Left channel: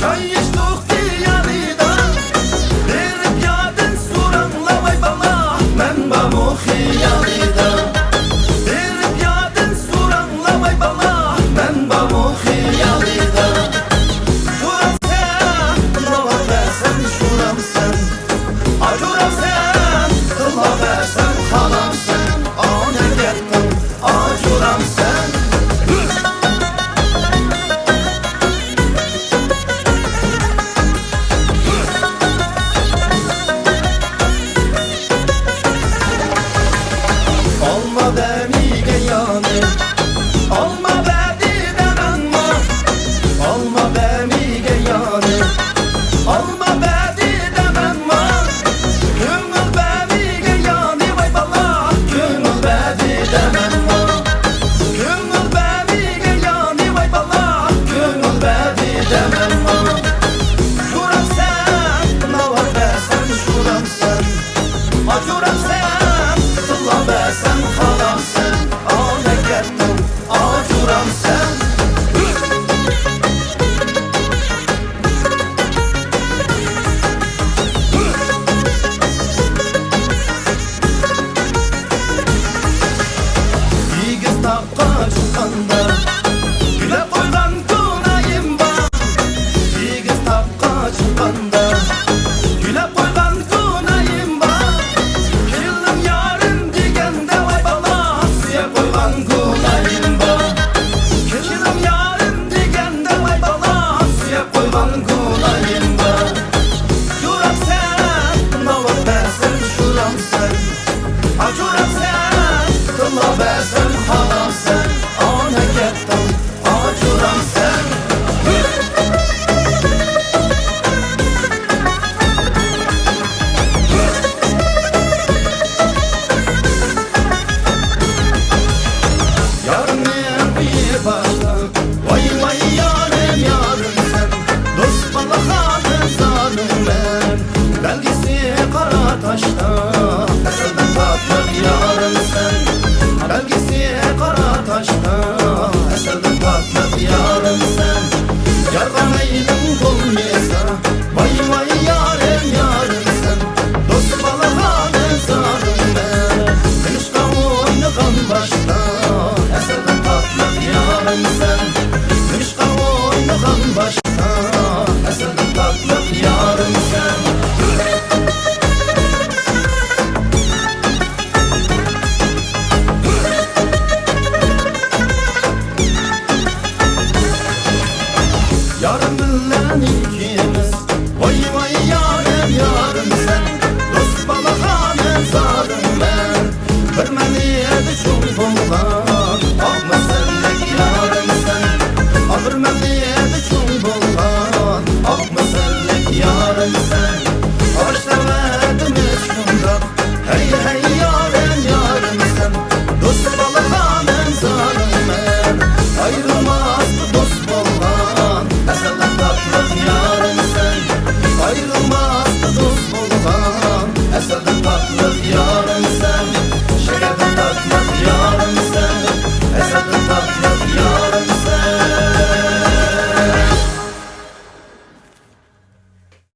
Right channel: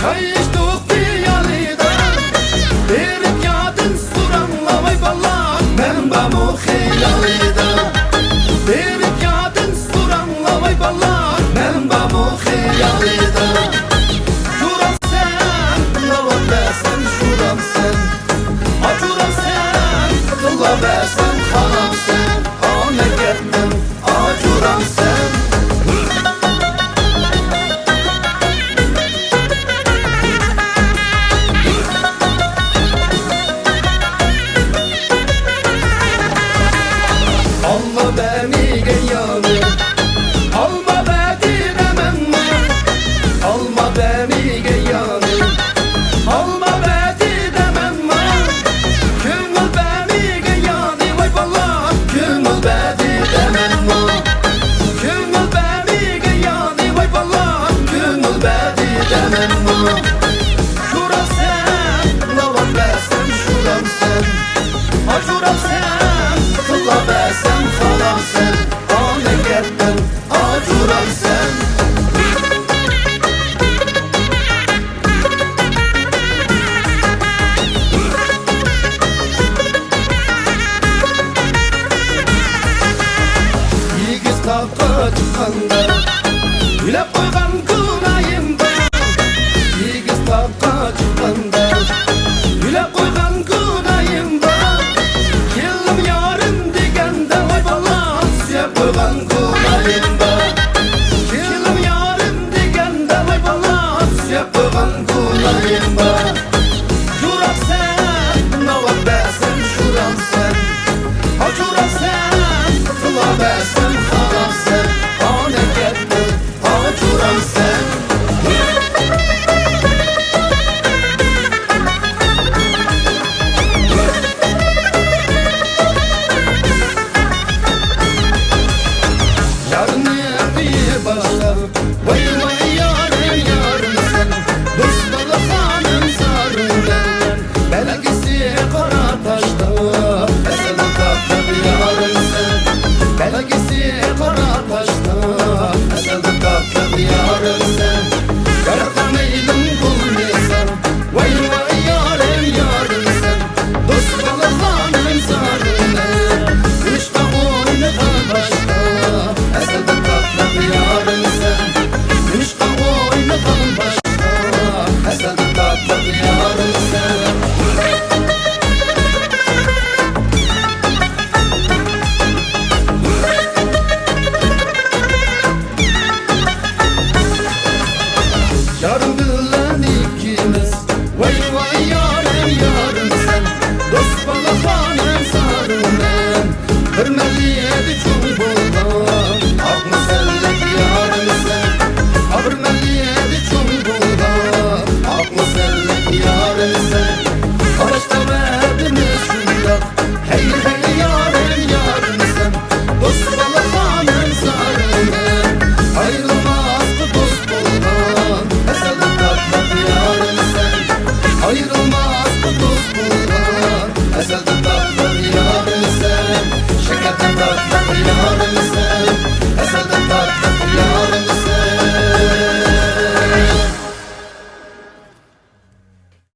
Çay içtik diyalida, derip yadın suranla vay bala. Men bamu hiyalida, derip yadın suranla vay bala. Men bamu hiyalida. Şuram sen, lava besen şuram sen. Acuram sen, kılla besen halam sen. Ane gettin, acuram sen. Alma beni geyanı, alma beni demenme. Alma beni geyanı, alma beni demenme. Gönül beni geyanı vay bala, gönül beni demenme. Gönül beni geyanı vay bala, gönül beni demenme. Şuram sen, lavat besen şuram sen. Acuram sen, kılla besen halam sen. Ane gettin, acuram sen. Yigiz takka çıkkanda, güle koygan kınayım ben. Yigiz takka çıkkanda, güle koygan kınayım ben. Yılım yarın digende vay bala, siye koygan kınayım ben. Yılım yarın digende vay bala, siye koygan kınayım ben. Şuram sen, lavat besen şuram sen. Acuram sen, kılla besen haram sen. Ane gettin, acuram sen. Yarın bir başta, vay vay yarın yarın sen. Dost valla hanım zarım ben. Belgisi kara taşta, eselin tatlı bir yarın sen. Belgisi kara taşta, eselin tatlı bir yarın sen. Yardan eylim bulmasa, vay vay yarın yarın sen. Dost valla hanım zarım ben. Kışta oynagan başta, eselin tatlı bir yarın sen. Kışta oynagan başta, eselin tatlı bir yarın sen. Yarın bilen ikimiz, vay vay yarın yarın sen. Dost bala hanem sarım ben. Hürmeliyedi çok bulgan, aklı sellik yarın sen. Hürmeliyedi çok bulgan, aklı sellik yarın sen. Karışlamadınız şundak, hey hey yarın yarın sen. Dost bala hanem sarım ben. Ayrılmazdı dost bulgan, eselin tatlı yarın sen. Ayrılmazdı dost bulgan, eselin tatlı yarın sen. Şekerden tatlı yarın sen, eselden tatlı yarın.